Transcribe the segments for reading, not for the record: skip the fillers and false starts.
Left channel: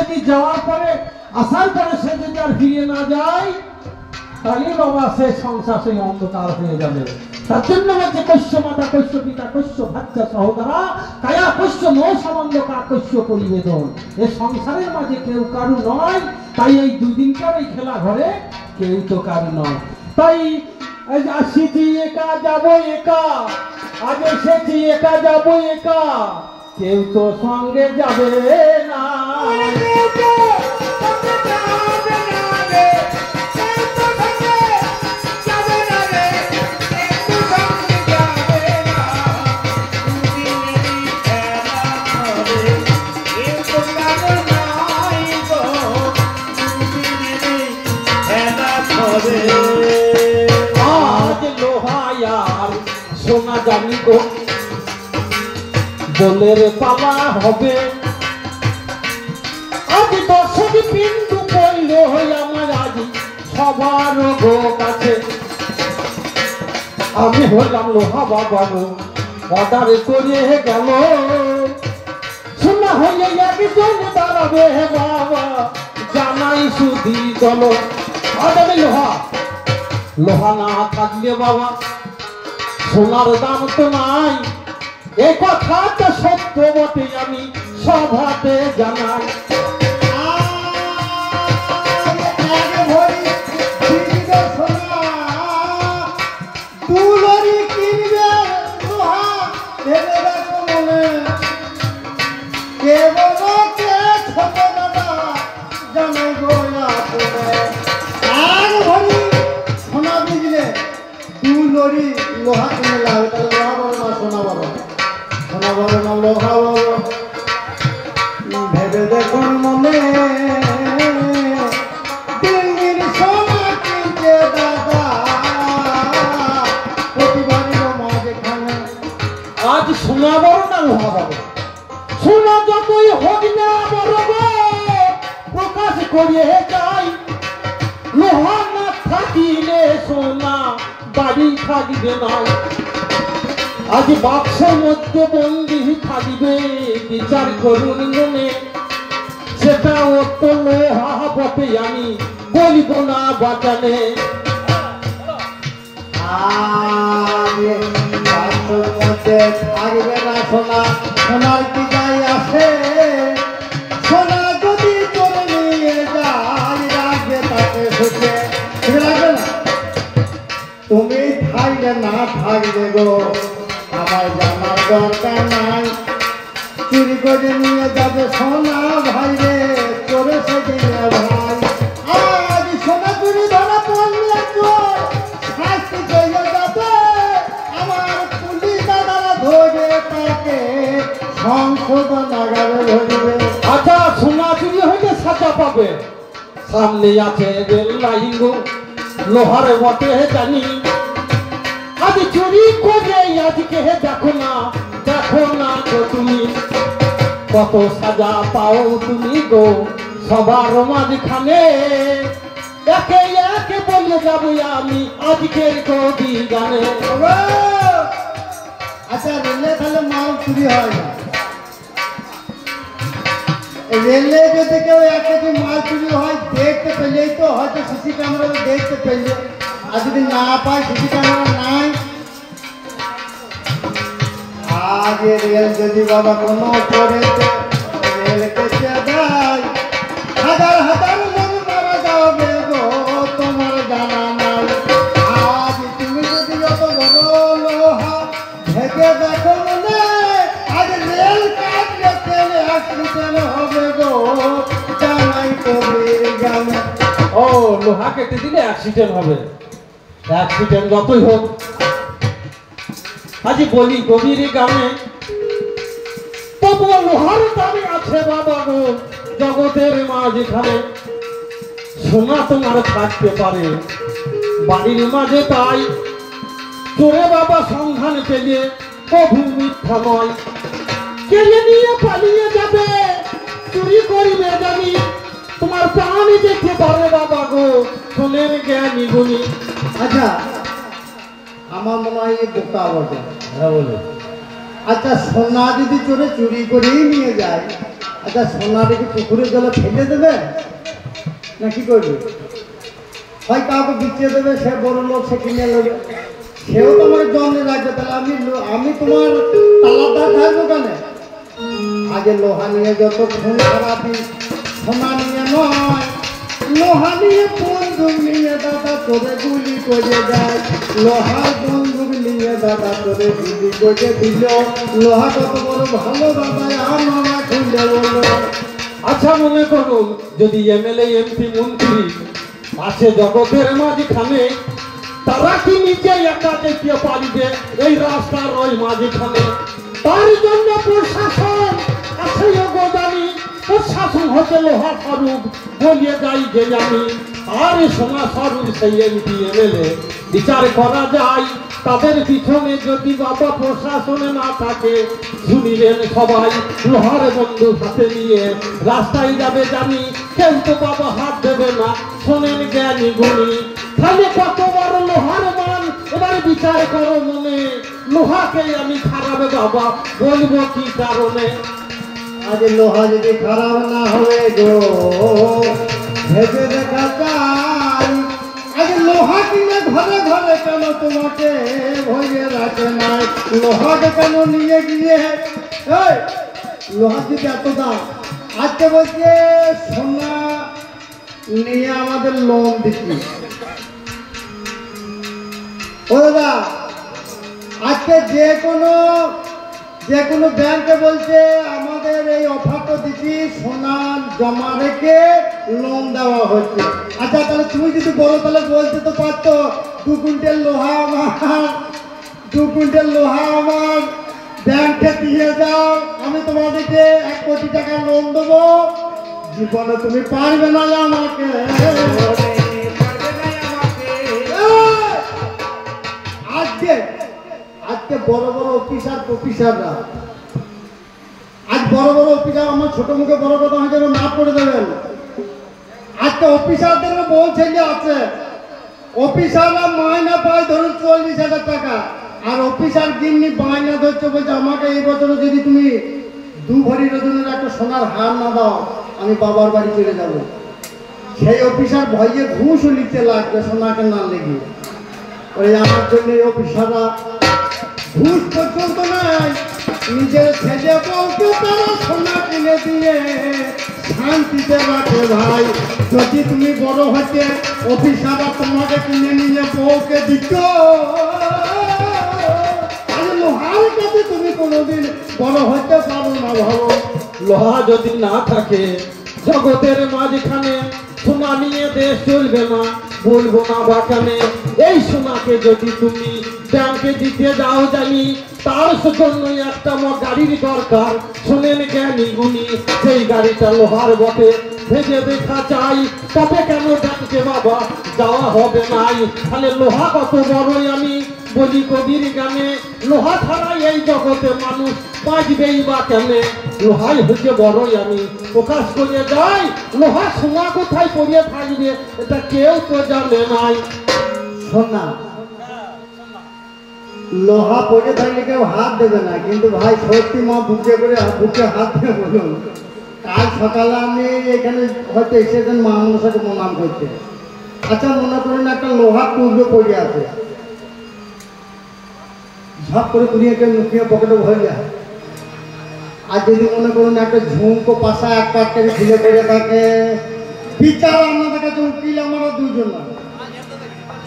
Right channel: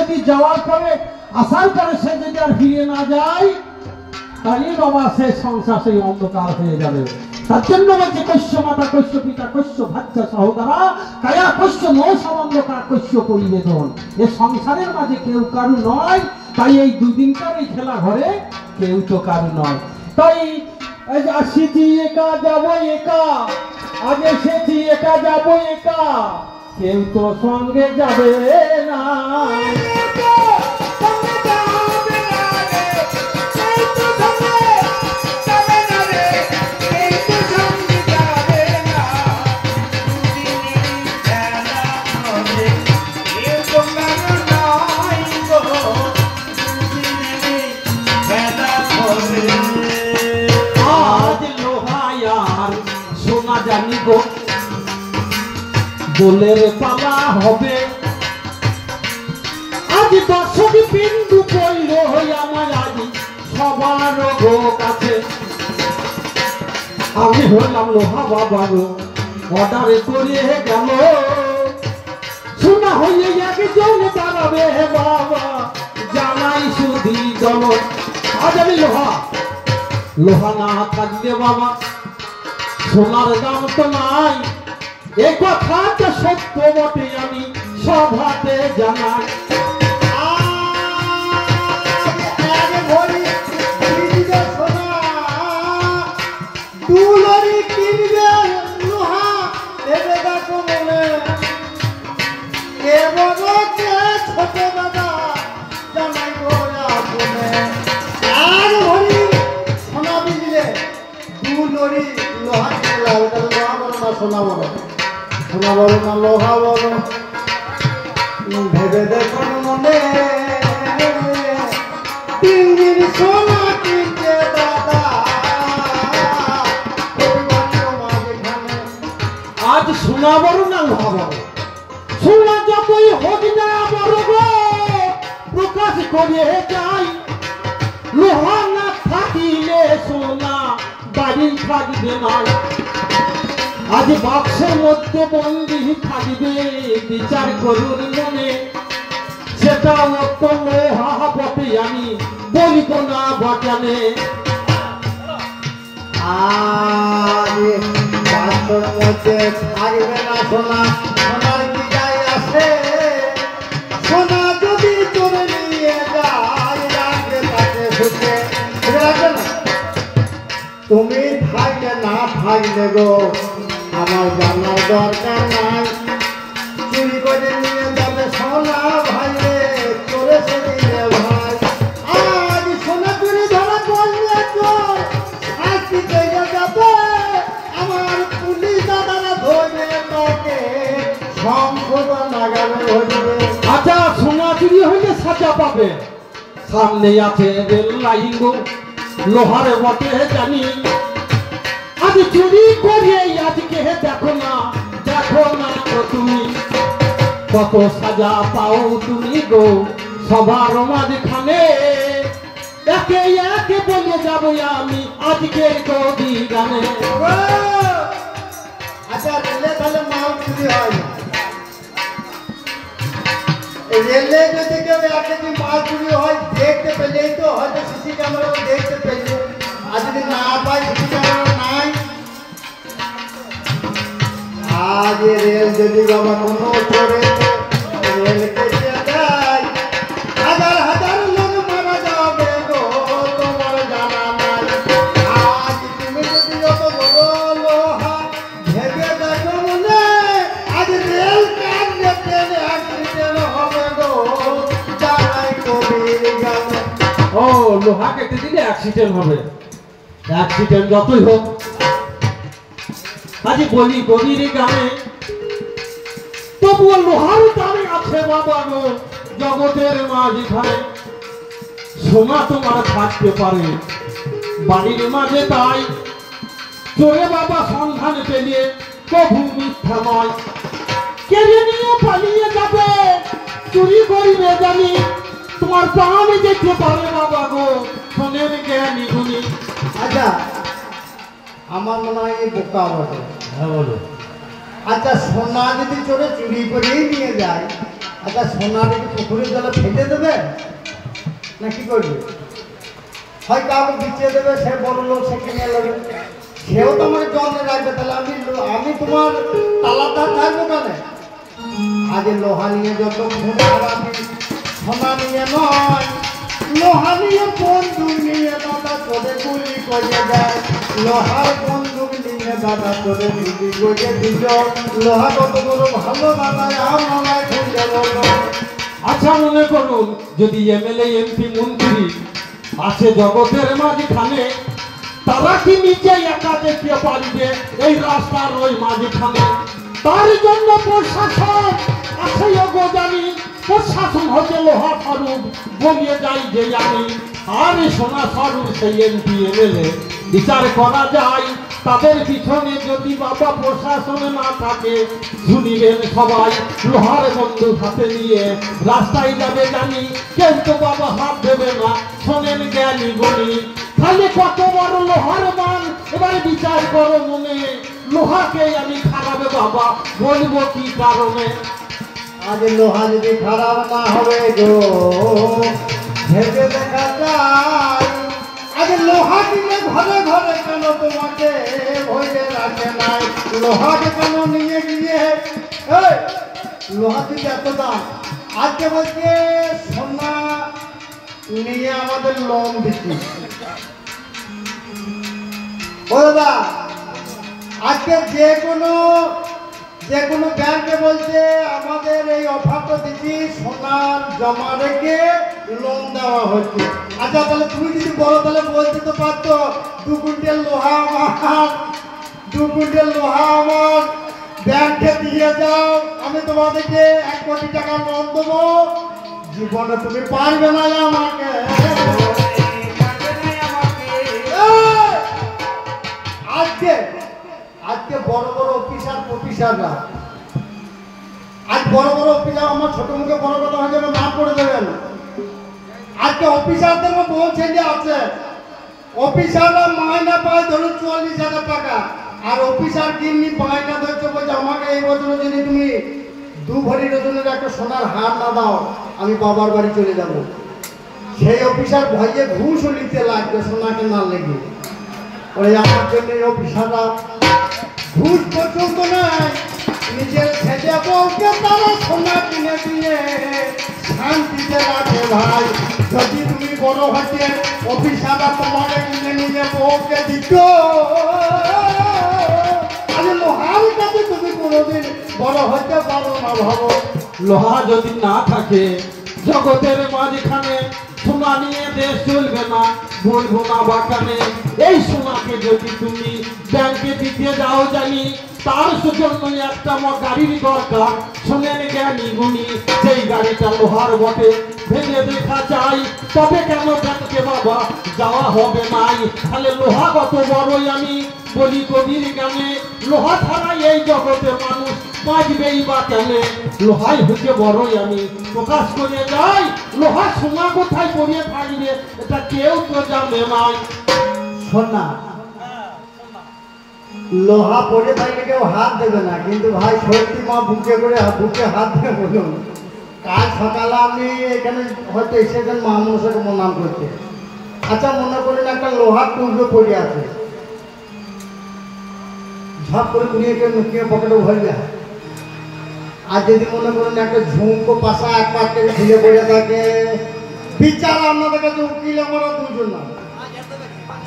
যদি যাওয়ার পরে আসার পরে সে যদি আর ফিরে না যায় তাহলে বাবা সে সংসার সেই অন্ধকার হয়ে যাবে। তার জন্য বলছে কৈশ্য মাতা কৈশ্য পিতা কৈশ্য ভাচ্চা সহোদরা কায়া কৈশ্য নৌ সম্বন্ধকার কৈশ্য পরিবেদন। এ সংসারের মাঝে কেউ কারু নয়, তাই এই দুদিনকার এই খেলা ঘরে কেউ তো কারু নয়। তাই আসিছি একা যাবো একা, আজ এসেছি একা যাবো একা, কেউ তো সঙ্গে যাবে না। বলের পালা হবে আজ দর্শক বিন্দু কইল আমার আজ সবার কাছে। আমি হলাম লোহা বাবারও অর্ডার করে গেল, শোনা হয়ে একজন দাঁড়াবে বাবা জানাই শুধু চল। আজ আমি লোহা, লোহা না থাকলে বাবা সোনার দাম তো নাই, এই কথাটা সত্য বটে আমি সভাতে জানাই। আজ সোনা বড় না লোহা বড়, সোনা যতই হোক না বড় প্রকাশ করে যাই, লোহা না থাকিলে সোনা বাড়ি থাকবে না। আজ বাক্সের মধ্যে বন্দি থাকবে বিচার করুন মনে, সেটা অত লোহা বটে আমি বলিব না বাজানে। সোনার কি গাই আছে, সোনা যদি চলে নিয়ে যায় রাখবে তাকে ভুলে রাখবে না। তুমি থাকলে না থাকবে গো আমার জানার দরকার নাই, চুরি করে নিয়ে যাবে সোনা ভাই রে চলে সেদিনে ভাই। আজ সোনা চুরি ধরা পড়লে শাস্তি পেয়ে যাবে, আমার পুলিশ দাদারা ধরে তাকে সংশোধন নাগালে ধরবে। আচ্ছা সোনা চুরি হইলে সাজা পাবে, সামনে আছে লাইগো লোহার বটে জানি। আজ চুরি করে আজকে দেখো না তো তুমি কত সাজা পাও তুমি গো সবার মাঝখানে। একে একে বলে যাবো আমি আজকের কবি গানে। আচ্ছা রেলে তাহলে মাল চুরি হয় না, রেলে যদি কেউ একে মাল চুরি হয় দেখতে পেলেই তো হয়তো সিসি ক্যামেরা দেখতে পেলে, আর যদি না পাই সিসি ক্যামেরা নাই। আজ রেল যদি বাবা মনে করে রেল কেটে দেয়, হাজার হাজার লোক মারা যাবে গো তোমার জানা নাই। আজ তুমি যদি যত বড় লোহা ভেবে দেখো মনে, আজ রেল কাটবে ট্রেনে অ্যাক্সিডেন্ট হবে গো জানাই কবি গান। ও লোহা কেটে দিলে অ্যাক্সিডেন্ট হবে, অ্যাক্সিডেন্ট যতই হোক আজ বলি কবির গানে তবুও লোহার দামে আছে বাবা গো জগতের মাঝখানে। সোনা তোমার থাকতে পারে বাড়ির মাঝে, তাই চোরে বাবা সন্ধান পেলে কভু মিথ্যা নয়। কেড়ে নিয়ে পালিয়ে যাবে চুরি করিলে জানি, তোমার প্রাণে যেতে পারে বাবা গো সোনের জ্ঞানী গুণী। আচ্ছা আমার মনে হয় এই বোকা বটে। হ্যাঁ বলো। আচ্ছা সোনা যদি চোরে চুরি করেই নিয়ে যায় আচ্ছা সোনার কি পুকুরের জলে ফেলে দেবে না কি করবে? হয় কাউকে বিচিয়ে দেবে, সে বড় লোক, সে কিনে নেবে, সেও তো আমার জমে রাখবে। তাহলে আমি তোমার তালাটা থাকবো কেন? আগে লোহা নিয়ে যত খুন খারাপি, সোনা নিয়ে নয়, লোহা নিয়ে বন্দুক নিয়ে দাদা তোরে গুলি করে দেয়, লোহার বন্দুক নিয়ে দাদা তোরে গুলি করে দিল। লোহা কত বড় ভালো দাদা, আমরা খুঁজে বললো। আচ্ছা মনে করুন যদি এমএলএ এমপি মন্ত্রী আছে জগতের মাঝখানে, তারা কি নিজে একা দেখতে পারবে এই রাস্তার ওই মাঝখানে? তার জন্য প্রশাসন আছে জানি, প্রশাসন হচ্ছে লোহা স্বরূপ বলিয়ে যাই যে জানি। আর সোনা স্বরূপ সেই এমপি এমএলএ বিচার করা যায়, তাদের পিছনে যদি বাবা প্রশাসনে না থাকে, শুনিলেন সবাই লোহার বন্দুক হাতে নিয়ে রাস্তায় যাবে জানি, কেউ তো বাবা হাত দেবে না, শোনেন জ্ঞানী গুণী। খালি কত বড় লোহার মান, এবার বিচার করো মনে, লোহাকে আমি খারাপ বাবা বলবো কি কারণে? আজ লোহা যদি খারাপ না হয় গো ভেবে দেখা যায়, আজ লোহা কিনে ঘরে ঘরে কেন তোমাকে ভয়ে রাখে নাই? লোহাকে কেন নিয়ে গিয়ে এই লোহা দিতে এত দাম? আজকে বলছে সোনা নিয়ে আমাদের লোন দিচ্ছি। ও দাদা, আজকে যে কোনো ব্যাংকে বলছে আমাদের এই অফারটা দিচ্ছি, সোনা জমা রেখে লোন দেওয়া হচ্ছে। আচ্ছা তাহলে তুমি যদি বলো তাহলে বলতে তো পারতো 2 কুইন্টাল লোহা আমার ব্যাংকে দিয়ে যাও, আমি তোমাদেরকে 1 কোটি টাকা লোন দেবো। জীবনে তুমি পারবে না আমাকে। আজকে বড় বড় অফিসাররা, আজ বড় বড় অফিসার, আমার ছোট মুখে বড় কথা হয়ে যাবে, না করে দেবেন। আজকে অফিসারদের বউ ছেলে আছে, অফিসাররা মাইনা পায় ধরুন 40,000 টাকা, আর অফিসার গিন্নি মাইনা ধরছে বলছে আমাকে এই বছর যদি তুমি 2 ভরি ওজনের একটা সোনার হার না দাও আমি বাবার বাড়ি চলে যাব। সেই অফিসার ভয়ে ঘুষ নিতে লাগবে সোনাকে না লেগে। ওই আমার জন্য এই অফিসাররা ঘুষ পছন্দ নয়, নিজের ছেলে বউকে তারা সোনা কিনে দিয়ে শান্তিতে রাখে ভাই। যদি তুমি বড় হচ্ছে অফিসাররা তোমাকে কিনে নিয়ে বউকে দিত, তাহলে লোহার কাছে তুমি কোনোদিন বড় হতে পারো না। ভালো লোহা যদি না থাকে জগতের মাঝখানে, সোনা নিয়ে দেশ চলবে না, বলবো না বাগানে। এই সোনাকে যদি তুমি ব্যাংকে দিতে যাও জানি, তার জন্য একটা গাড়ির দরকার, শোনেন জ্ঞানী গুণী, সেই গাড়িটা লোহার বটে, ভেবে দেখা চাই, তবে কেন ব্যাংকে বাবা যাওয়া হবে নাই? তাহলে লোহা কত বড়ই আমি বলি কবির গানে, লোহা ছাড়া এই জগতে মানুষ বাঁচবেই বা কেন? লোহাই হচ্ছে বড়ই আমি প্রকাশ করে যাই, লোহা সোনা কোথায় পড়িয়ে থাকবে এটা কেউ তো জানে নাই। সোনা লোহা পড়ে থাকলে কেউ হাত দেবে না, কিন্তু ভাই সত্যি মা বুকে হাত দিয়ে বলুন, কাল সকালে আমি এখানে হয়তো এসেছেন মহামনসাকে প্রণাম করতে। আচ্ছা মনে করেন একটা লোহার টুকরো পড়ে আছে, ঝপ করে কুড়িয়ে কেউ লুকিয়ে পকেটে ভরে যায়। আর যদি মনে করুন একটা ঝুমকো পাশা এক পাকে ঝুলে পড়ে থাকে, বিচার আপনাদেরকে উকিল আমরা দুজন।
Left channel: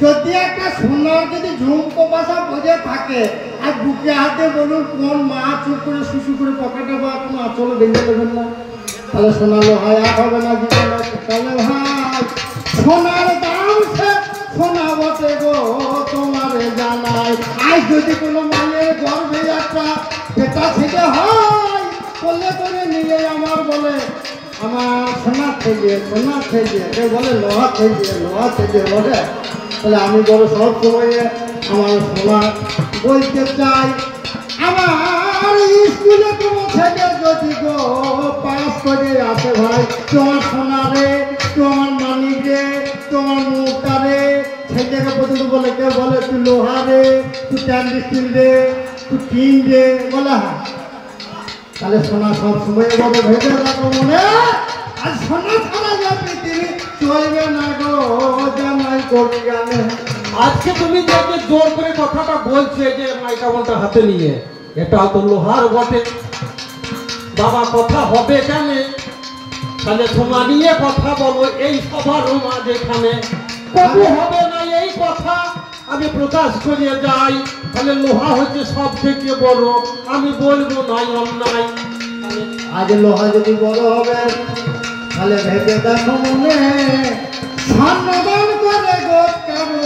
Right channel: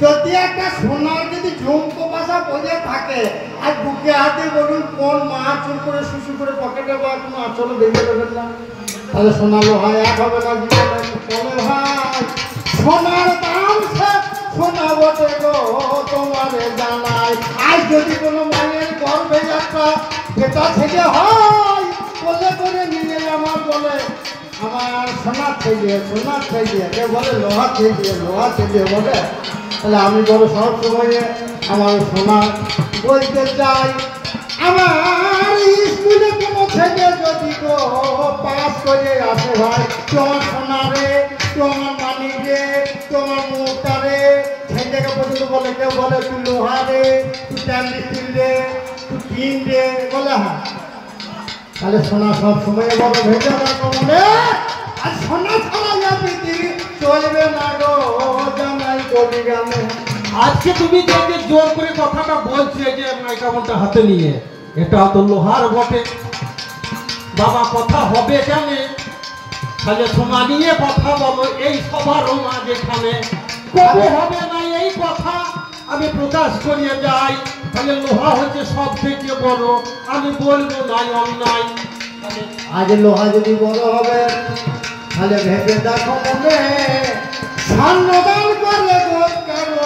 যদি একটা সোনার যদি ঝুমকো পাশা বসে থাকে আর বুকে হাতে বলুন কোন মা চুর করে শুশু করে পকেটে বা কোনো আচল ভেঙে দেবেন না, তাহলে সোনালো ভাই আর হবে না। তাহলে ভাই সোনার দাম সোনা বটে গো তোমার জানাই। আজ যদি কোনো মায়ের গর্ভে একটা বেটা ছেলে হয়, বলে করে নিলে আমার বলে আমার সোনার ছেলে কেউ বলে লোহা ছেলে বলে। তাহলে আমি বলো সব সময় আমার সোনা বলতে চাই, আমার স্কুলে কোনো ছেলে যদি গো পাস করে আসে ভাই, তোমার সোনা রে, তোমার মানিক রে, তোমার মুখটা রে, ছেলেকে পর্যন্ত বলে, কেউ বলে তুই লোহা রে, তুই ট্যান্ডি স্টিল রে, তুই টিন রে, বলে হ্যাঁ। তাহলে সোনা সব সময় বাবা ভেবে রাখো মনে, আর সোনা ছাড়া যাবে কি চলবে না গো জামাই কবি গানে। আজকে তুমি যে জোর করে কথাটা বলছো যে মাইক্রোফোনটা হাতে নিয়ে, এটা তো লোহার বটে বাবা, কথা হবে জানে তাহলে সোনা নিয়ে কথা বলবো এই সবার মাঝে এখানে কবে হবে না এই কথা আমি প্রকাশ করিয়ে যাই, তাহলে লোহা হচ্ছে সব থেকে বড়, আমি বলবো নাই অন্যায়। আজ লোহা যদি বড় হবে তাহলে ভেবে দেখো মনে, স্বর্ণদান করে গো কারো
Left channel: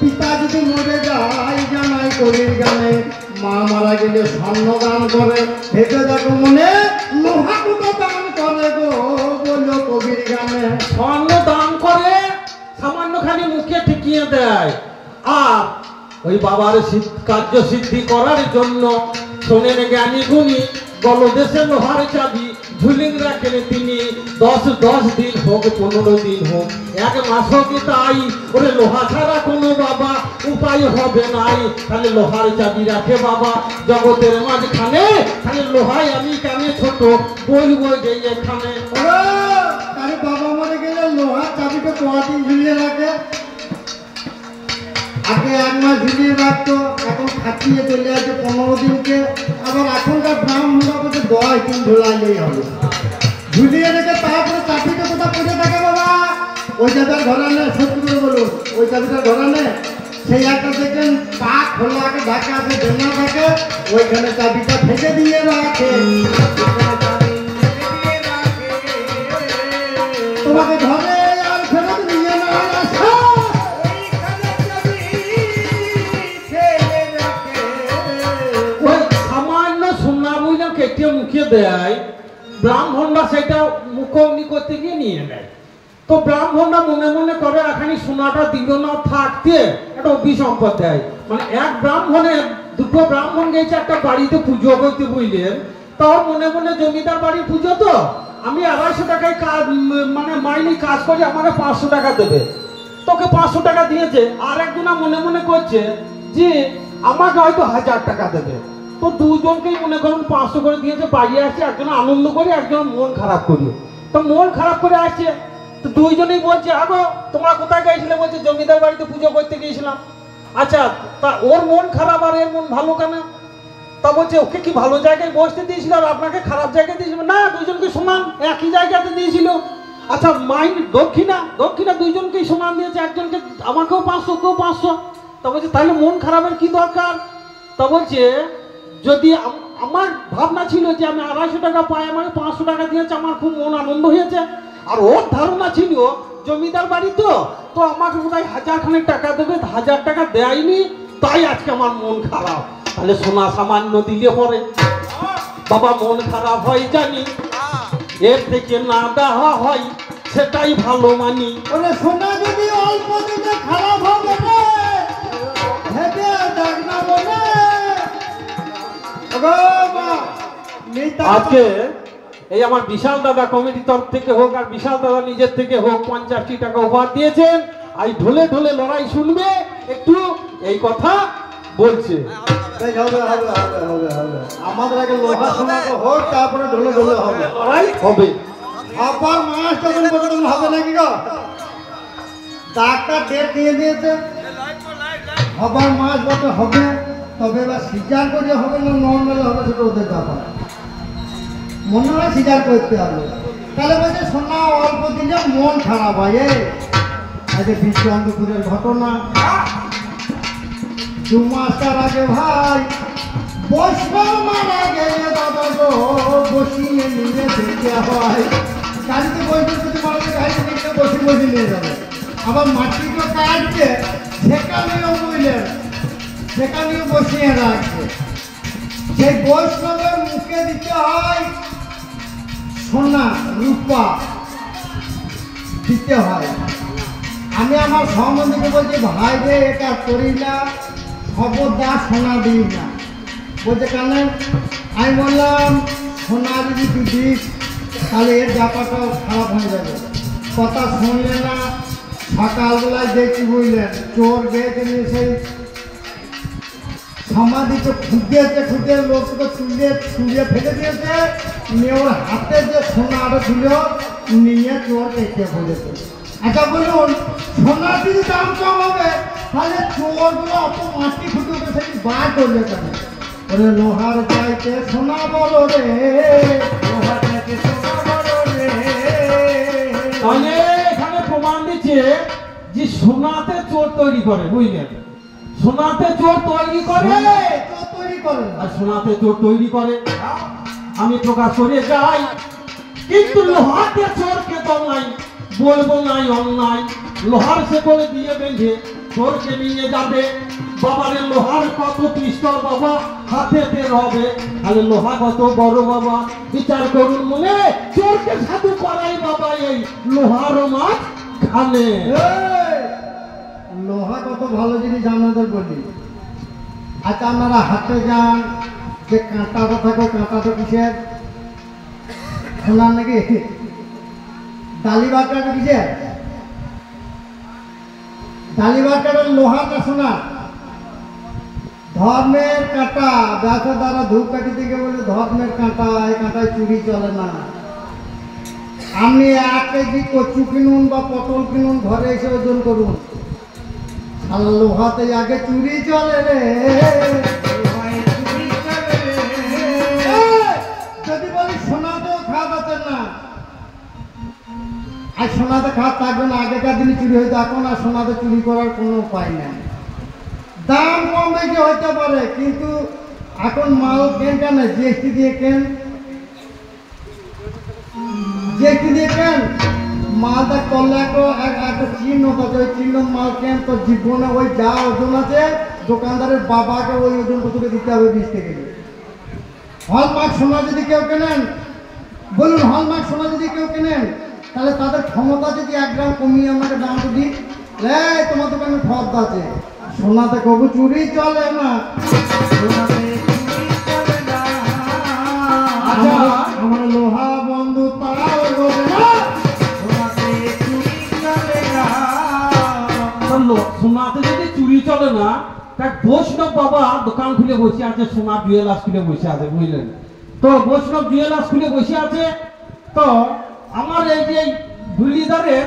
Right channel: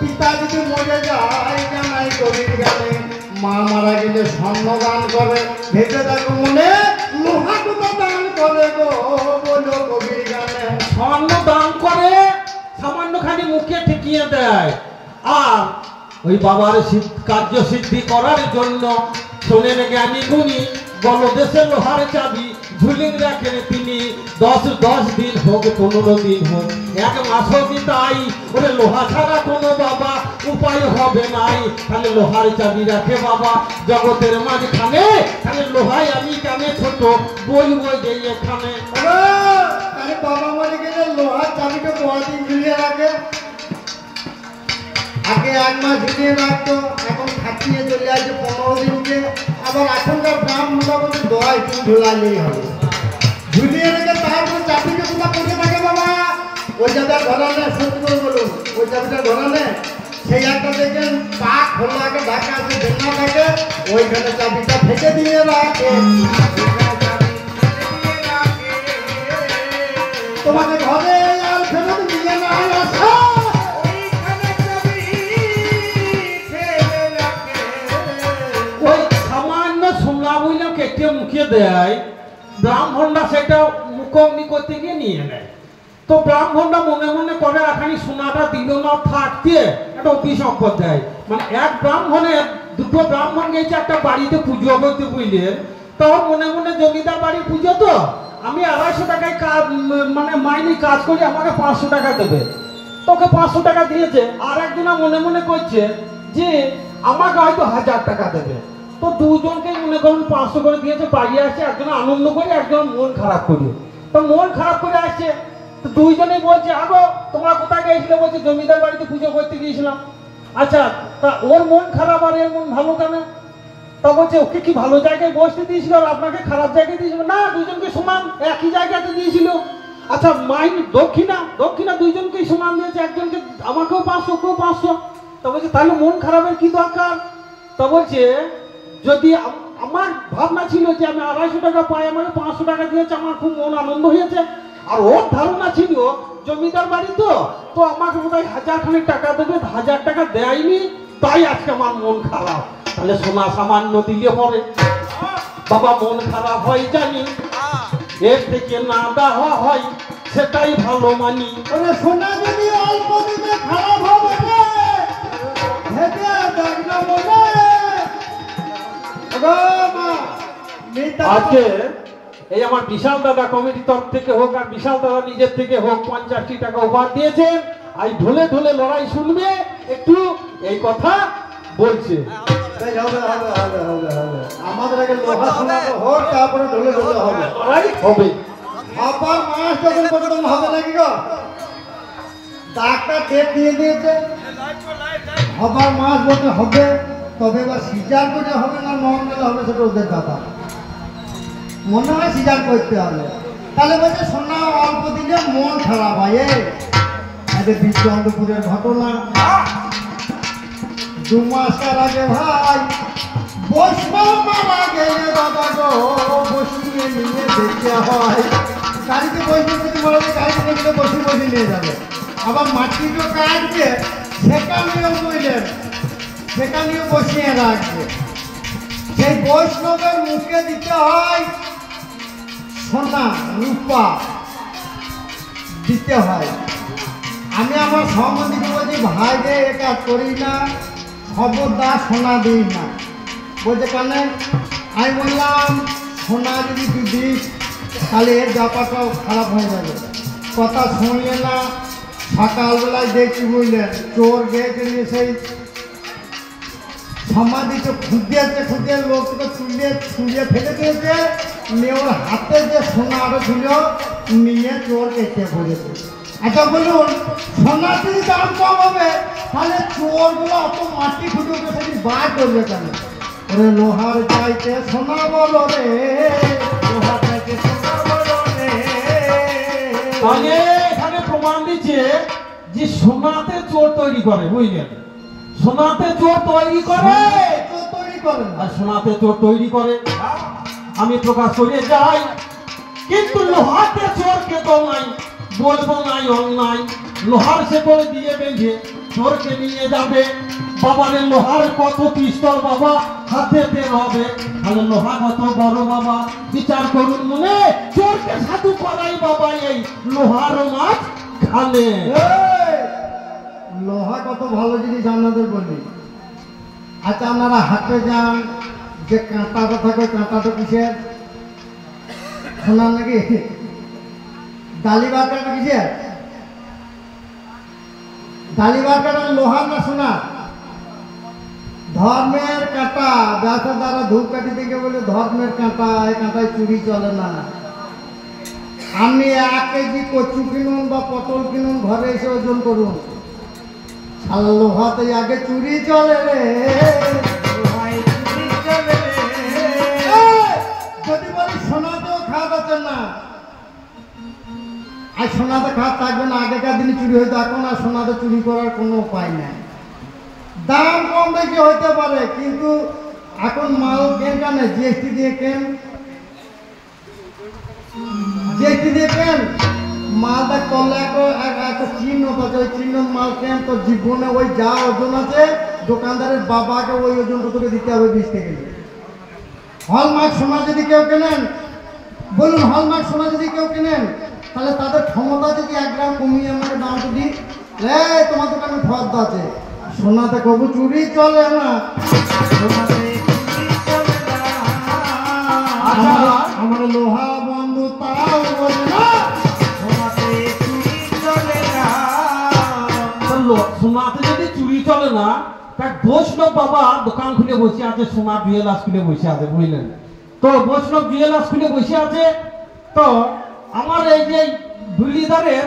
পিতা যদি মরে যায় জামাই কবির গানে, মা মারা গেলে স্বর্ণদান করে ভেবে দেখো মনে, লোহা গুলো দান করে গো বলো কবির গানে। স্বর্ণ দান করে সামান্য খানি মুখে ঠেকিয়ে দেয়, আর ওই বাবার কার্য সিদ্ধি করার জন্য সোনের জ্ঞানী গুণী বলদেশে লোহার চাবি ঝুলিং রাখেন তিনি, 10 দিন হোক 15 দিন হোক 1 মাসও কি তাই, ওরে লোহা ছাড়া কোনো বাবা উপায় হবে নাই, তাহলে লোহার চাবি রাখে বাবা জগতের মাঝখানে, তাহলে লোহায় আমি কেমন ছোট বলবো যে এখানে। তাহলে বাবা মরে গেলে লোহার চাবিকে কদিন ঝুলিয়ে রাখে? আগে 1 মাস ঝুলিয়ে রাখতো, এখন খাটিয়ে চলে আসছে 15 দিনকে, আবার এখনকার ব্রাহ্মণরা বলছে 10 দিন ঝুলাইলেই হবে। ঝুলিয়ে রেখে তারপরে চাবিটা কোথা পড়ে থাকে বাবা? ওই চাবিটা ধরালে সত্যি করে বলুন, ওই চাবিটা ধরালে সেই একটা দেখেন পা খোলা আগে ঢাকা আছে বেনা থাকে, ওইখানে চাবিটা ফেঁকে দিয়ে রাখে। তোমাকে ঘরে আর ফেরত দিয়ে না ওই সামান্য সোনা বুঝলে কেটে মুখে দেয়, ব্রাহ্মণরা সেটা মুখোমুখি করতে গিয়ে নিয়ে নেয়, তো ব্রাহ্মণরা মনে মনে করে এখানে সোনাটা দিল না থাকতে একটা অভিসম্পদ দেয়, মানে এক ব্রাহ্মণের 2টো ব্রাহ্মণ গেছে একটা বাড়িতে পুজো করতে বুঝলেন, তো মনে মনে জমিদার বাড়ি পুজো তো আমি 250 টাকায় কাজ মানে মাইনে কাজ করি আমাকে 500 টাকা দেবে, তোকে 500 টাকা দিয়েছে, আর একজনা মনে মনে করছে যে আমাকে হয়তো 1000 টাকা দেবে, তো দুজনকে মনে করুন 500 করে দিয়েছে, বাড়ি আসছে একজন আনন্দ করে একজন মন খারাপ করি, তো মন খারাপ করে আসছে, তো দুইজনই বলছে আগো তোমরা কোথায় গিয়েছিলে, বলছে জমিদার বাড়িতে পুজো করতে গিয়েছিলাম, আচ্ছা তা ওর মন খারাপ আর এর মন ভালো কেন, তা বলছে ওকে কি ভালো জায়গায় বসতে দিয়েছিল আর আপনাকে খারাপ জায়গায় দিয়েছিল, না দুইজনকে সমান একই জায়গাতে দিয়েছিল, আচ্ছা মাইন দক্ষিণা দুইজনকেই সমান দিয়েছে, একজনকে আমাকেও 500 ওকেও 500, তা বলছে তাহলে মন খারাপের কি দরকার, তা বলছে যদি আমার ভাবনা ছিল যে আমি 250 টাকা পাই আমাকে 500 টাকা দিয়েছে আমার খুব মন আনন্দ হয়েছে, আর ওর ধারণা ছিল জমিদার বাড়ি তো আমাকে বোধহয় 1000 খানেক টাকা দেবে, 1000 টাকা দেয়নি তাই আজকে আমার মন খারাপ, তাহলে সোনা সামান্য দিলে পরে বাবা মন খারাপ হয় জানি, এর থেকে না দেওয়া হয় সেটাই ভালো মানি। ওরে সোনা যদি অল্প দিনে খারাপ হবে রে ভেবে দেখ না বলে। আজকে এই আমার বিশাল দাদা কমিটির তরফ থেকে হোক আর বিশাল দাদা নিজের থেকে হোক 50 টাকা উপহার দিয়েছেন, আজ ঢোলে ঢোলে লড়াই শুনবে, একটু এই কথা বলছে। আমাদের আগে লোহা সোনা হোক তারপরে ঢোলে ঢোলে হবে, লড়াই হবে। আবার মাস তখন হবে নাকি গো? ডাক্তার ডেট দিয়ে দিয়েছে, আবার মাস বছর হবে, তবে এবার সিজার করলে হবে না নর্মাল হবে সেটা ওদের ব্যাপার, মনে হয় সিজার করতে হবে। তাহলে বলছে সোনা অল্প দিলে মন খারাপ হয়। এদের বিশ্বন্তপুরের ঘটনা 2 মাসের আগে ভাই বৈষ্ণব মারা গেলে দাদা গো বসিয়ে নিয়ে দেখতে হয়, গাড়িতে বৈষ্ণব যদি মারা গেলে গাড়িতে দেখতে বসে নিয়ে যাবে, আবার মাটিটা কাটছে সেখানেও বুঝলেন সেখানেও বসিয়ে রাখবে, সেই বৈষ্ণবের মুখে দিতে হয় সোনা রূপা দিতে হয়। আমি আমার সম্বন্ধীকে বলছি ভাই রে এটা করি না, খবরদার সোনা দিই না, বলছে কেন? আমি বললাম সোনা যদি তুই দিস তাহলে এর ব্যাপারটাও খারাপ হয়ে যাবে, কথা শুনলে না। সকালবেলায় দেখছি বুঝলেন চোর গেছে নিয়ে সমাধিতে খুঁজেছে, খুঁজে লোককে ছুঁড়ে ফেলে দিয়েছে, নিয়ে ওর হাতে যে সোনা আরো ছিল নিয়ে চোর এঁকে বলেছে। আচ্ছা বলুন, সোনার যদি দাম কম হবে তাহলে চোরগুলো অত মাটি ফুটে সেটি বার করবে কেন? ওরে লোহার চাইতে সোনা বলো রে, লোহার চাইতে সোনা বলো রে। আগে এখানে প্রমাণ দিচ্ছে যে সোনাতে চোর তৈরি করে, বুঝলেন? সোনাতে চোর তৈরি করে, তৈরি করেন আর সোনাতে চোর তৈরি করে আমি প্রকাশ করে যাই, কিন্তু লোহাতে চোরকে তো নাই, বলবো নাই অন্যায়। লোহার শেকড়ে দিয়ে বেঁধে চোরকে নিয়ে যাবে। বাবারে লোহার কত পিস্তল বাবা হাতে বের হবে, তাহলে লোহা কত বড় বাবা বিচার করুন মনে। চোরকে সাধু করাই বাবা এই লোহার মাছ খানে। লোহা কত ভালো জিনিস আমাদের বলি। আচ্ছা আপনারা হাতে যান, যে কাঁটাটা থাকে কাঁটাটা কিসের? সোনার নাকি? ডালি বাটাটা কিসের? ডালি বাটাটা লোহার না সোনার? ধর্মের কাঁটা, ব্যবসা দ্বারা ধূপকাঠি থেকে বলে ধর্মের কাঁটা, এই কাঁটায় চুরি চলে না। আপনি 1 কেজি কচু কিনুন বা পটল কিনুন, ঘরে এসে ওজন করুন, আর লোহাতে আগে চুরি চলে রে। যদি বলি সোনাতেও খাওয়াচ্ছেন না, আর সোনাতে খাওয়া থাকবে না। আগেকার দিনে চুরি হইতো, এখন আর সোনাতে চুরি করার কোনো উপায় নাই। দাম কম বেশি হইতে পারে, কিন্তু এখন মাল কেনটা নেই, জিএসটি দিয়ে কেন, জিএসটি দিয়ে কেন মালটা করলে একটা চিহ্ন আছে, ওই চিহ্ন মাল কেন তোর জীবনে ওই যা ওজন আছে দোকানদারের বাবাকে ওই ওজনটা তোকে দিতে হবে 20 থেকে। হলমার্ক সোনা যদি কেউ কেনেন, বলুন হলমার্ক সোনা যদি কেউ কেনেন, তাহলে তাদের ক্ষমতা যদি 1 গ্রাম কমিয়ে আমাকে দামটা দিই, তোমার দোকানে ফর্দ আছে। সোনাতে কবু চুরি চলে না, আমার লোহা বন্ধু তাও বোঝে না, সোনাতে যদি চুরি চলে না, বৈষ্ণব বাবা দোকান খুলে বসে আছে, সোনার জুয়েলার্স খুলে বসে আছে, বুঝলেন তো? বৈষ্ণব জুয়েলার্স খুলে বসে আছে। তো আমার এই যে ধুলিদারের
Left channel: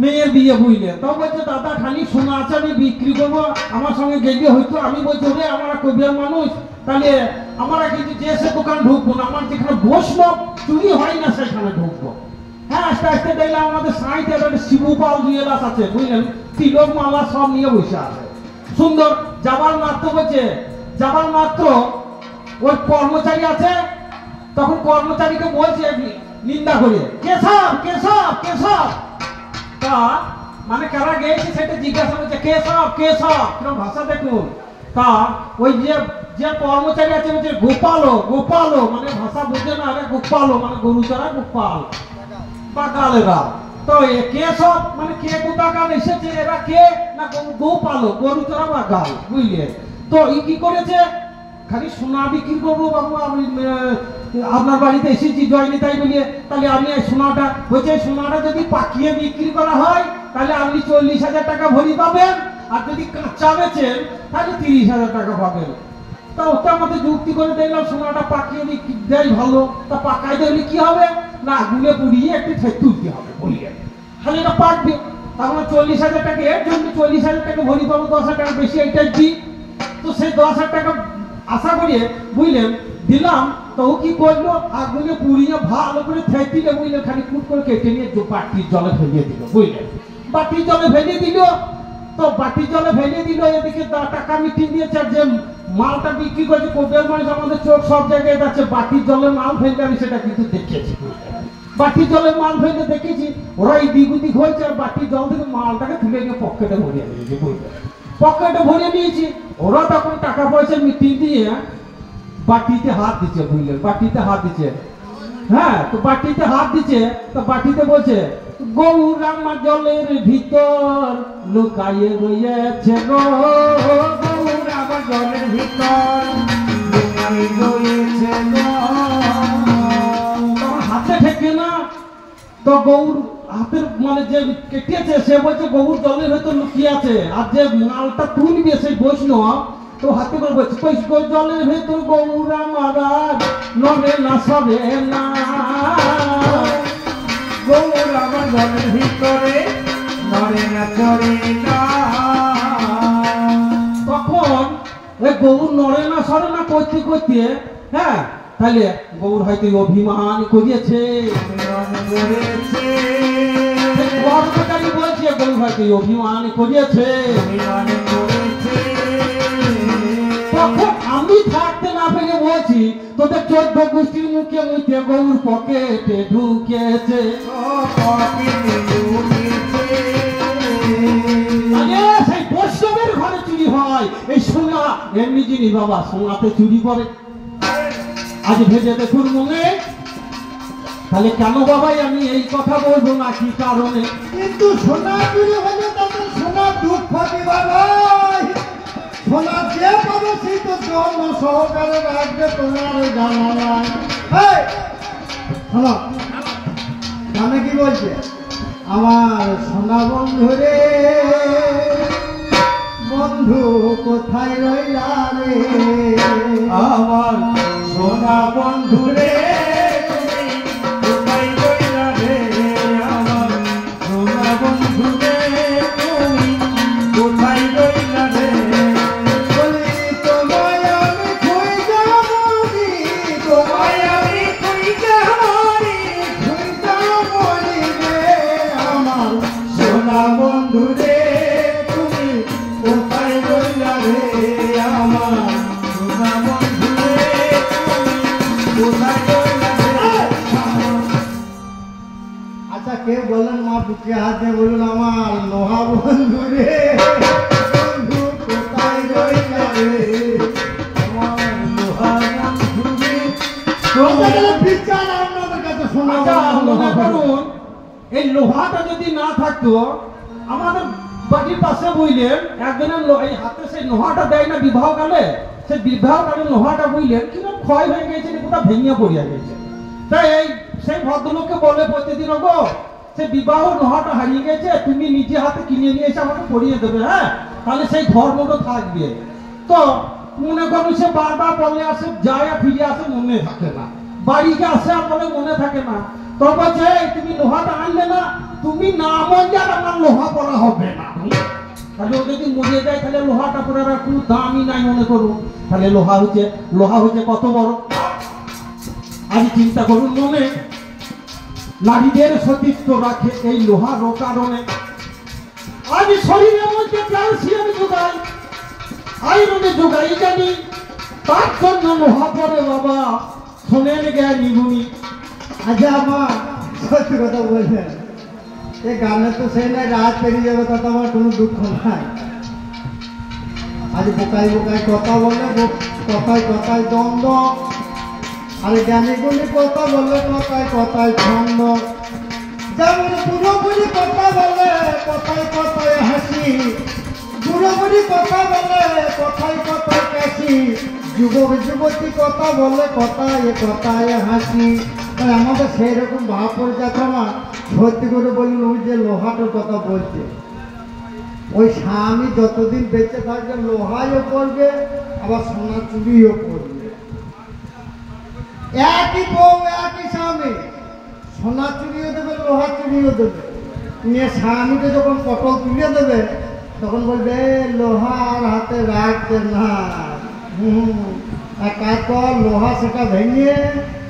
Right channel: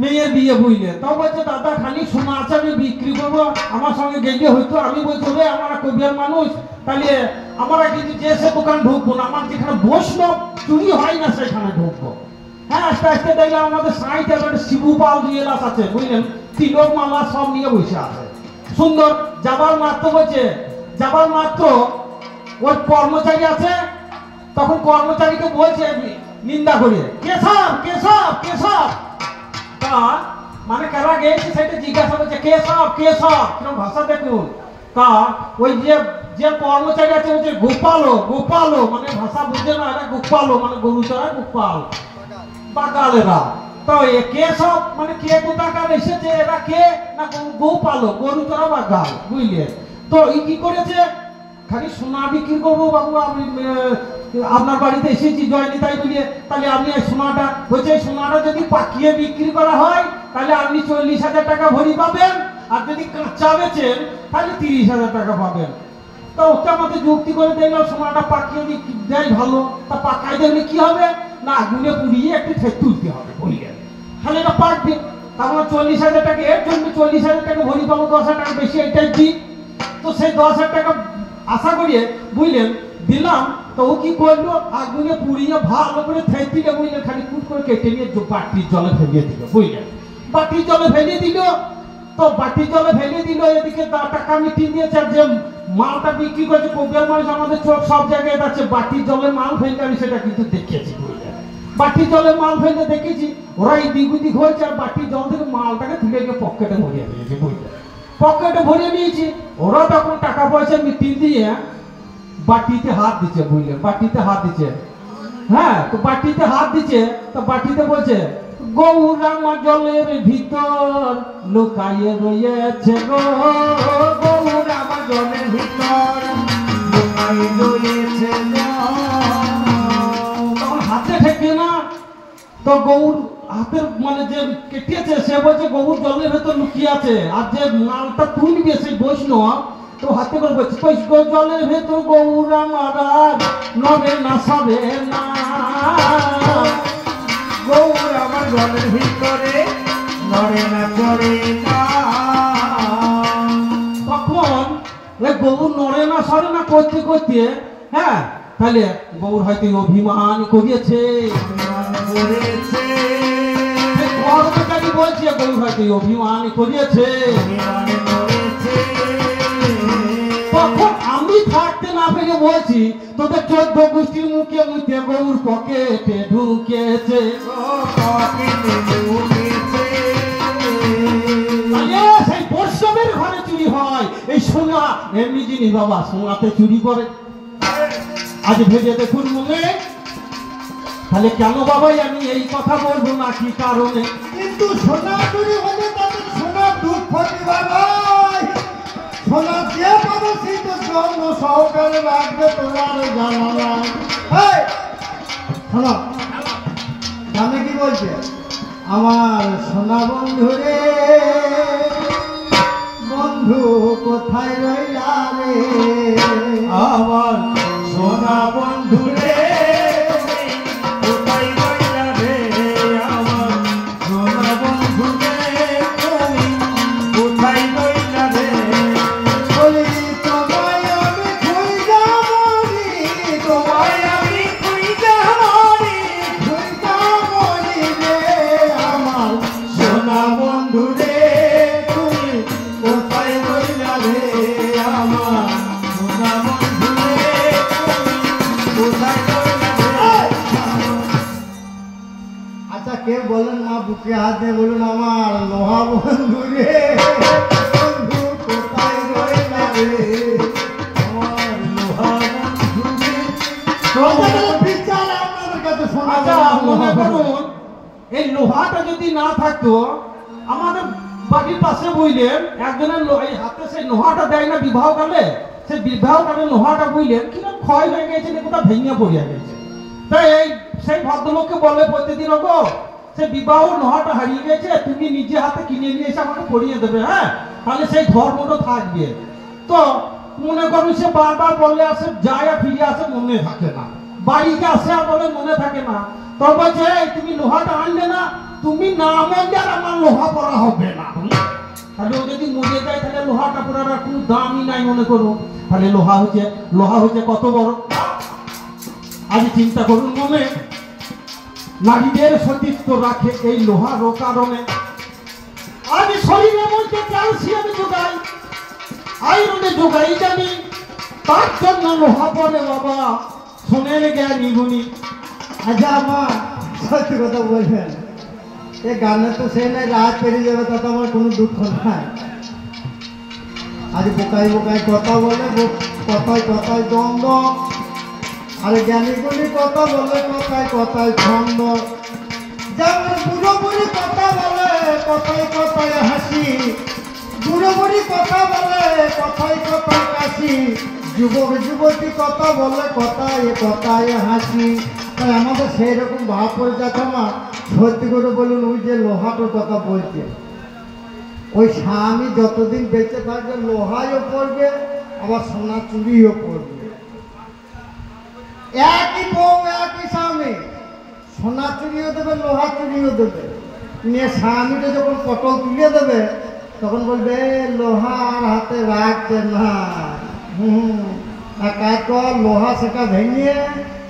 মেয়ের বিয়ে, বুঝলেন তো? বলছে দাদা খালি সোনা আছে, আমি বিক্রি করবো, আমার সঙ্গে গেলে হয়তো। আমি বলছি রে আমরা কবিয়ার মানুষ, তাহলে আমরা কিন্তু যে সে দোকান ঢুকবো না, আমার যেখানে বৈষ্ণব চুরি হয় না সেখানে ঢুকবো। হ্যাঁ, আস্তে আস্তে দেখলাম আমাদের সাইডে একটা শিবুপাল জুয়েলার্স আছে, বুঝলেন? তিলক মালা সব নিয়ে বসে আছে, সুন্দর। যাবার মাত্র বলছে, যাবার মাত্র ওই কর্মচারী আছে, তখন কর্মচারীকে বলছে নিন্দা করে, কেশব কেশব কেশব। তা মানে কারা গেছে সেটা জিজ্ঞাসা করছে, কেশব কেশব, কিরকম ভাষা দেখুন। তা ওই যে কর্মচারী আছে বলছে গোপালো গোপালো, মানে ভাষা বুঝে না, এটা গোপালো মানে গরু চড়া গোপাল, বাগালেরা। তো কে সব মানে কে কোথাকার এসেছে, এরা কে না গোপালো, গরু চড়া বাগাল, বুঝলে তো? ই কি করেছে, খালি সোনা বিক্রি করবো বাবু, আমি আপনার বাড়িতে এসেছি জয়নি তাই বলিয়ে, তাহলে আপনি সোনাটা হচ্ছে, সোনাটা যদি পাকিয়ে বিক্রি করা হয় তাহলে আপনি 40,000 টাকা ভরি পাবেন, আর যদি কাঁচা বেচেন তাহলে 30,000 টাকা পাবেন। তা ওটা আমাদের যুক্তি করে দিল, সোনাটা পাকিয়ে দেয় ভালো, তা পাকাই দিলে কি হবে না, আগুনে পুড়িয়ে একটু তুলতে হবে, বলিয়ে তাহলে এটা পাকবে। তারপর 40,000 টাকা এর জন্য 40,000 টাকা ভরি পাবো, 10,000 টাকা বেশি এটাই দিই। তো সেই 10,000 টাকা আশা করিয়ে, বুঝলেন, দিলাম। তো ও কি করলো, আগুনে পুড়িয়ে ভালো করে থেয়ে দিলে, বুঝলেন, খালি কুট করে কেটে নিয়ে বাটির জলে ফেলিয়ে দিল, বুঝলেন? বাটির জলে ফেলিয়ে দিল। তো বাটির জলে ফেলিয়ে দিল, এদিকে টাকা মিটিয়ে দিয়েছে। আর যে মালটা বিক্রি করছে কোবিয়ার মানুষ, আমাদের চোখ সব জায়গায় যাচ্ছে, বাটির জলে মাল ফেলতে, আমি সেটা কিন্তু দেখেছি, বাটির জলে মাল ফেলতে দেখেছি। ওরা এই দিগুদি হয়েছে, আর বাটির জল থেকে মালটাকে তুলে গিয়ে পকেটে ভরিয়ে দিয়েছে, বুঝলেন? পকেটে ভরিয়ে দিয়েছি। ওরা তখন টাকা পয়সা মিটিয়ে দিয়ে বাটিতে হাত দিচ্ছে, বুঝলেন? বাটিতে হাত দিচ্ছে, হ্যাঁ। তো বাটিতে হাত দিচ্ছে, তো বাটিতে বলছে, গৌরামা জলের ভিতর লুকায়ে রয়েছে গো, গৌরামা জলের ভিতর লুকায়ে রয়েছে গো। হাতে ঠেকে না, তো গৌর হাতের মানে যে কেটেছে সে বলছে গৌর জলের ভেতর লুকিয়ে আছে। আর যে মালটা তুলবে সেই বৈষ্ণব, তো হাতে করে বলছি কই জলের ভেতর গৌরা মহারাজ নবে না সবে না গৌর আমার জলের ভিতরে নড়ে না চড়ে না। তখন ওই গৌর নড়ে না সরে না করতে করতে, হ্যাঁ, তাহলে গৌর হয়তো অভিমান করিয়েছে, অভিমান করেছে, কর্মচারী বলছে গৌর হয়তো অভিমান করিয়েছে। অভিমান করেছে। তখন আমি থাকতে না পেরে বলছি তোদের 14 গোষ্ঠীর মুখে মুখে গৌর পকেটে ঢুকেছে। সেই বৈষ্ণবের ঘরে চুরি হয়, এই সোনা এমনি জিনিস বাবা, সোনাতে চুরি করে। আজ ভেবে দেখুন মনে, তাহলে কেন বাবাই আমি এই কথা বলবো না কি কারণে? কিন্তু সোনা চুরি হলে তাদের সোনা দুঃখ দিবা নয়, সোনা যে পাবে সেই তো জন্ম সহকারে রাখবে, তোমার জানা নাই। শোনো, আমি কি বলছে, আমার সোনা বন্ধু রে, বন্ধু কোথায় রইলা রে, আমার সোনা বন্ধু রে, কোথায় রইলা রে, আমার সোনা বন্ধু রে, তুমি কোথায় রইলা রে। বলি তোমায় আমি খুঁজা মরি, তোমায় আমি খুঁজা মরি, খুঁজা মরি রে, আমার সোনা বন্ধু রে, তুমি কোথায় রইলা রে, আমার সোনা বন্ধু রে, তুমি কোথায় রইলা রে। আচ্ছা কেউ বলেন মা বুকে হাত দিয়ে বলুন, আমার লোহা বন্ধু রে, বন্ধু কোথায় রইলা রে, আমার লোহা বন্ধু রে। বিচার আপনাদের কাছে শোনা আচ্ছা মনে করুন এই লোহাটা যদি না থাকতো, আমাদের বাড়ির পাশে বুঝলেন একজনের এই হাতে সেই লোহাটা দেয় না বিবাহ কালে, সেই বিবাহ কালে লোহাটা বুঝলেন কিরকম ক্ষয় হয়ে গেছে, কোথা ভেঙে পড়িয়া গেছে। তাই এই সেই ভদ্রলোককে বললে প্রতিদিন গো সে বিবাহ লোহাটা হারিয়ে গেছে, তুমি নিজে হাতে কিনে নিয়ে এসে আমাকে পরিয়ে দেবে, হ্যাঁ, তাহলে সেই ধর্মটা থাকবে। তো মনে করুন সে বারবার বললে আসে, যায় আর ফিরে আসে, মনে থাকে না, বাড়িতে আসে আর বলে মনে থাকে না। তো বলছে তুমি লোহাটা আনলে না, তুমি না মরলে আর আমার লোহা পড়া হবে না। তাহলে ও যদি মরে যায় তাহলে লোহাটা পড়ার আর কোনো দামই নাই মনে করুন। তাহলে লোহা হচ্ছে কত বড়। আজ চিন্তা করুন মনে, নারীদের সতীত্ব রাখে এই লোহার কারণে। আজ শরীরের মধ্যে ক্যালসিয়াম যোগাই, আয়রনে যোগাই জানি, তার জন্য লোহা পড়ে বাবা, শোনেন জ্ঞানী গুণী। আচ্ছা মা সত্যি কথা বলছেন, এ গানে তো সেই নাই রাত পেরিয়ে যাবে, তাতে আমার কোনো দুঃখ নাই। আজ বোকাই বোকাই কথা বলে, কথায় কথায় দ্বন্দ্ব, আরে জ্ঞানীগুলি কথা বলে কথায় কথায় ছন্দ। যেমন বুড়ো বুড়ি কথা বলে কথায় কথায় হাসি, বুড়ো বুড়ি কথা বলে কথায় কথায় কাশি, যুবক যুবতী কথা বলে কথায় কথায় হাসি। তাই আমাদের সেই রকম ভাব করে যাচ্ছে। আমার সত্যি করে বলুন, ওই যে লোহাটার কথা বলছে, ওই স্বামী যতদিন বেঁচে থাকবে লোহাইও পড়বে, আবার সোনা চুরিও পড়বে। একই বউ একই স্বামী, সোনা চুরিও দেবে, লোহা চুরিও দেবে। নিয়ে স্বামীকে যখন পটল তুলিয়ে দেবে তখন বলবে লোহার হাতে রাখবে না, কাজ কর, লোহা সেটা ভেঙে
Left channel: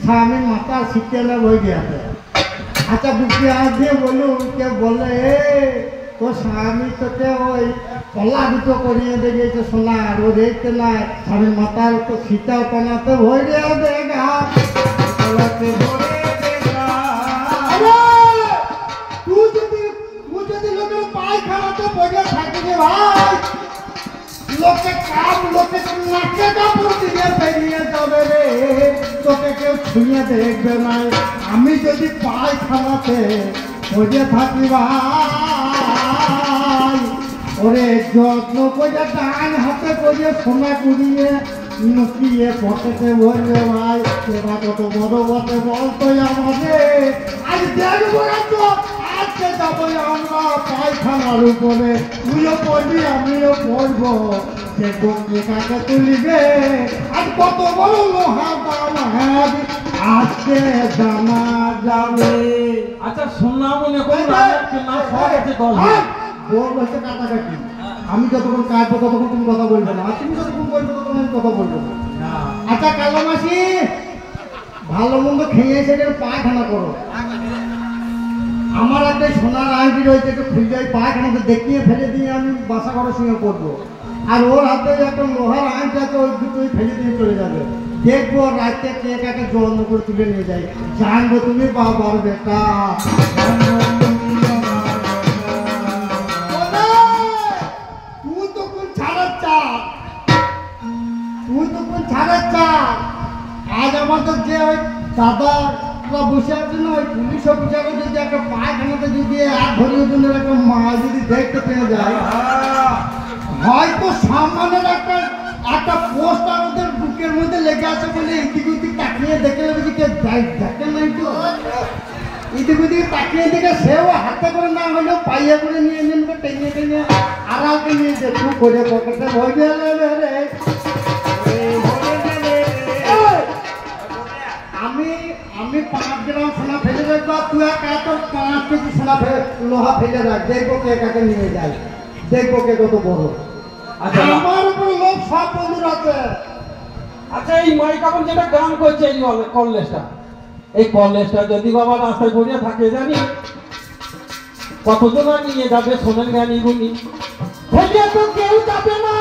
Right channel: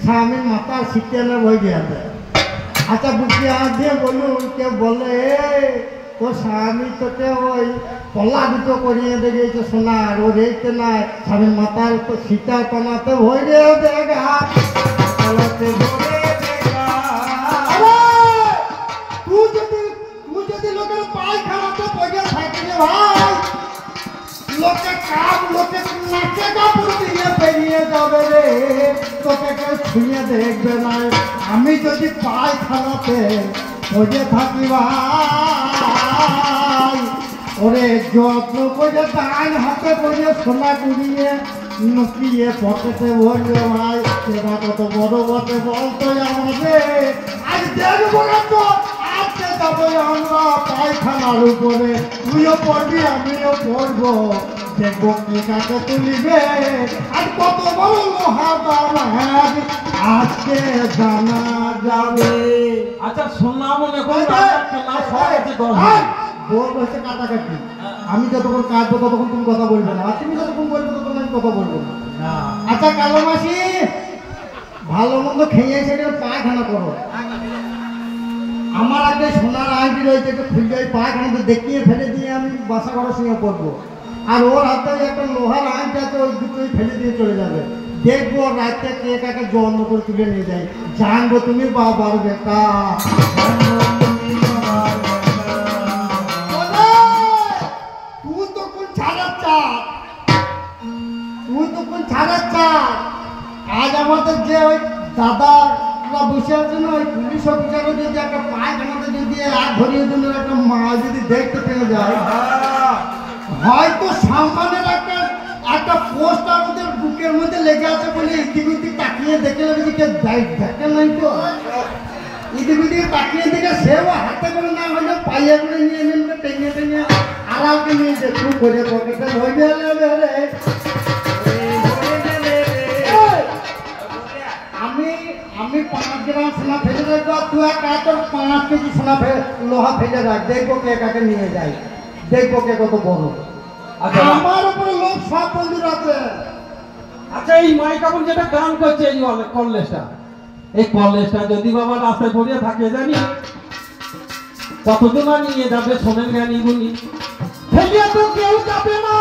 স্বামীর মাথার ছিটিয়ে নেবে ওই দিয়ে। আচ্ছা বুকে হাত দিয়ে বলুন, কে বলে তোর স্বামী তোকে ওই কলা দুটো করিয়ে দেখেছে সোনার, ও দেখতে নাই স্বামীর মাথার তো সীতা টানাতে ভরে দেখা। তুই যদি লোকের পায়খানাতে বসে থাকি রে ভাই, লোকে কাম লোকে নাচে কাপড় দিয়ে বেরিয়ে যাবে রে, তোকে কেউ ছুঁয়ে দেখবে না। আমি যদি পায়খানাতে বসে থাকি ভাই, ওরে যত্ন করে ডান হাতে করিয়ে সোনা কুড়িয়ে লুকিয়ে পকেটে ভরবে ভাই, সেটা কত বড় বটে বলতো আমাদের। আজ দেখবো না তো, আজকে যাবো আমরা পায়খানার উপরে, তুইও পড়বি আমিও পড়বো, দেখবো কে কাকে তুলিবে আর কত বড় লোহা দাম হাবি আজকে জানা যাবে। আচ্ছা সোনা মনে করো না সব আছে 10 বল বলছে কাটাকাটি, আমি যতক্ষণ কাটবো ততক্ষণ তুমি কথা বলবে না, আর তুমি যতক্ষণ বলবে ততক্ষণ আমি কথা বলবো না। আচ্ছা কালো মাসি, ভালো মন্দ খেয়ে এসে পায়খানা করো। আমার একটা সোনার আংটি রয়েছে, খুলতে পায়খানাতে দেখিয়ে ফেলে দিয়ে আমি বাসা ঘরের সঙ্গে পড়বো, আর ওর হাতে একটা লোহার আংটি আছে, ওই দুটোই ফেলে দিয়ে চলে যাবে। দেখবো রাতে কে কাকে জন্ম করে তুলে নিয়ে যায়। জানবো তুমি বাবার বেটা। তুই তো কোন ছাড়ার চাপ। আজ আমাদের যে ওই দাদা বসে আছে না, ওই পুলিশ অফিসারও যদি একটা পায়খানাতে যদি এক ধরিয়ে দিনের একটা মা যদি দেখতে পেয়ে যায়, হয়তো সামনের একটা পোস্টার ওদের বুকের মধ্যে লেগে আছে বলে এদিক ওদিক তাকিয়ে দেখে নেবে যে কে দেখে নাই তো এদিক ওদিক তাকিয়ে দেখে সেও হাতে করে না হলেও পাইয়া করে নিয়ে নেবে, টেনে টেনে আড়ালকে নিয়ে দেখু করে পকেটে ভয় দেবে রে। আমি 5 গ্রাম সোনা ফেলে রাখবো, তুই এত 5 কেজি সোনা লোহা ফেলে রাখ। দেখবো কে কাকে নিয়ে যায়, দেখবো কে কত বড়। আমার উপরে লোক সব বন্ধুর আছে। আচ্ছা এই মাইকাপন যেটা গান করছে এই কলেজটা, এই কলেজটা যদি বাবা রাস্তায় পড়িয়ে থাকে জানি কতজন নিয়ে যাবে সোনের জ্ঞানী গুণী, ফেলিয়ে তো কেউ যাবে না।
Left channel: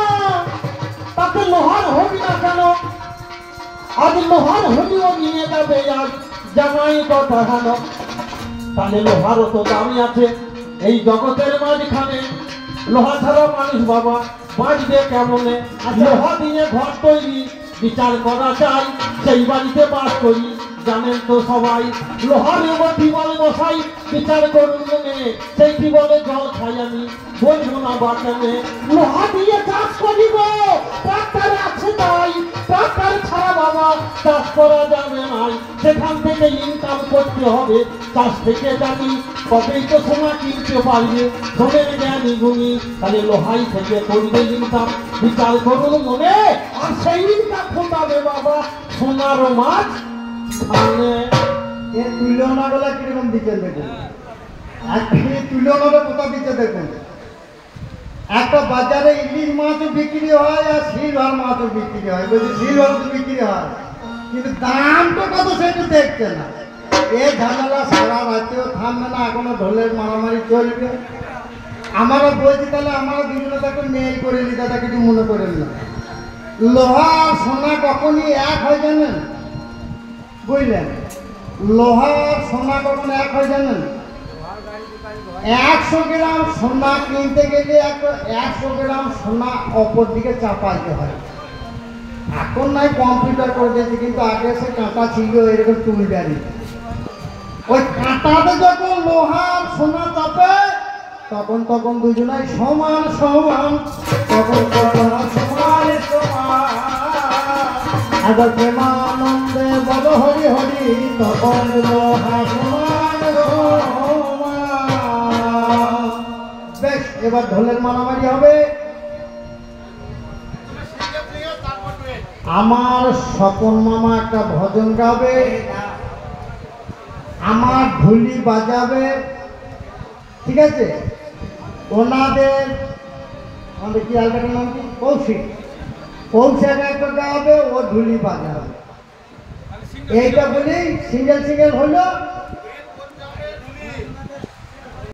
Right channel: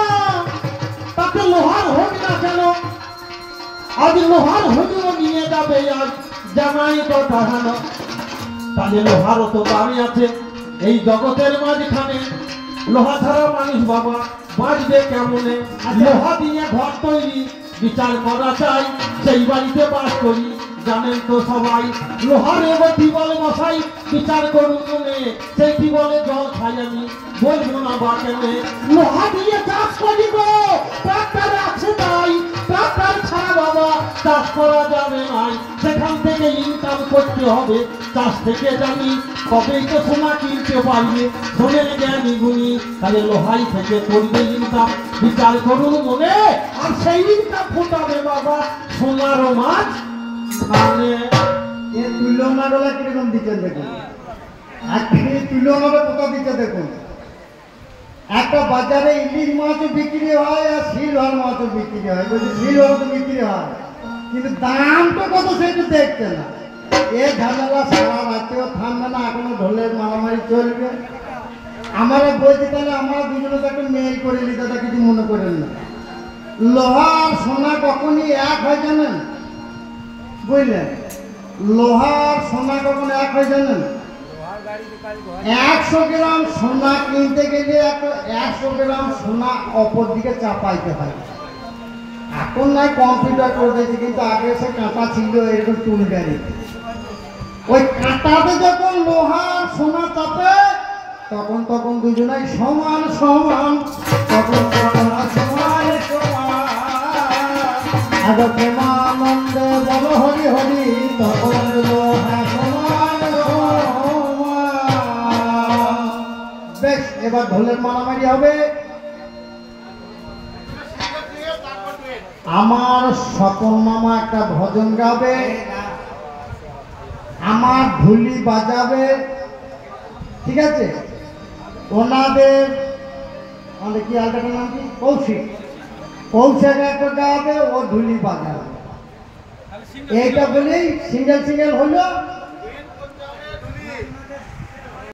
তাতে লোহার হোক না কেন, আজ লোহার হলেও নিয়ে যাবে আজ জামাই কথা কেন। তাহলে লোহারও তো দামি আছে এই জগতের মাঝখানে, লোহা ছাড়া মানুষ বাবা বাঁচবে কেমনে। লোহা দিয়ে ঘর তৈরি বিচার করা চাই, সেই বাড়িতে বাস করি জানেন তো সবাই। লোহারে গতি বলে মশাই বিচার করুন মনে, সেইটি বলে জল খাই আমি বলবো না বা কেমনে। লোহা দিয়ে চাষ করি গো, ট্রাক্টর আছে তাই, ট্রাক্টর ছাড়া বাবা চাষ করা যাবে নাই। সেখান থেকে ইনকাম করতে হবে, চাষ থেকে জানি কবেই তো সোনা কিনতে পারবে সোনের জ্ঞানী গুণী। তাহলে লোহাই থেকে করবে ইনকাম বিচার করুন মনে, আর সেই ইনকাম ফোটাবে বাবা সোনারও মাছ মানে। এর তুলনাগুলো কিরকম দিচ্ছে দেখুন, তুলনাটা কোথাও দিচ্ছে দেখুন। একটা বাজারে ইলিশ মাছও বিক্রি হয় আর সিলভার মাছও বিক্রি হয়, বলছি সিলভার তো বিক্রি হয়, কিন্তু দামটা কত সেটা দেখছে না। এ ঝামেলা সারা রাতেও থামবে না, এখনো ঢোলের মারামারি চলবে। আমরা বলছি তাহলে আমরা দুজনে তাকে মেল করে নি, দাদা কিছু মনে করেন না। লোহা আর সোনা কখনই এক হয় জানেন, বুঝলেন? লোহা আর সোনা কখন এক হয় জানেন? 100 গ্রাম সোনা কিনতে গেলে 100 গ্রাম সোনা অপর দিকে চাপাইতে হয়। এখন নাই কম্পিউটার করে দিয়েছে, কিন্তু আগে সে কাঁটা ছিল এরকম টুল গাড়ি। ওই কাঁটাতে যখন লোহা আর সোনা চাপে তখন দুজনাই সমান সমান, তখন সমান সমান। আগে প্রেমানন্দে বল হরি হরি, তখন লোহা সমান সমান। বেশ, এবার ঢোলের মারামারি হবে। আমার স্বপন মামা একটা ভজন গাবে, আমার ঢুলি বাজাবে, ঠিক আছে? ওনাদের আমাদের কি আলটাটার নাম কি, কৌশিক একটা গাবে, ও ঢুলি বাজাবে। এইটা বলেই সিঙ্গেল সিঙ্গেল হইলো।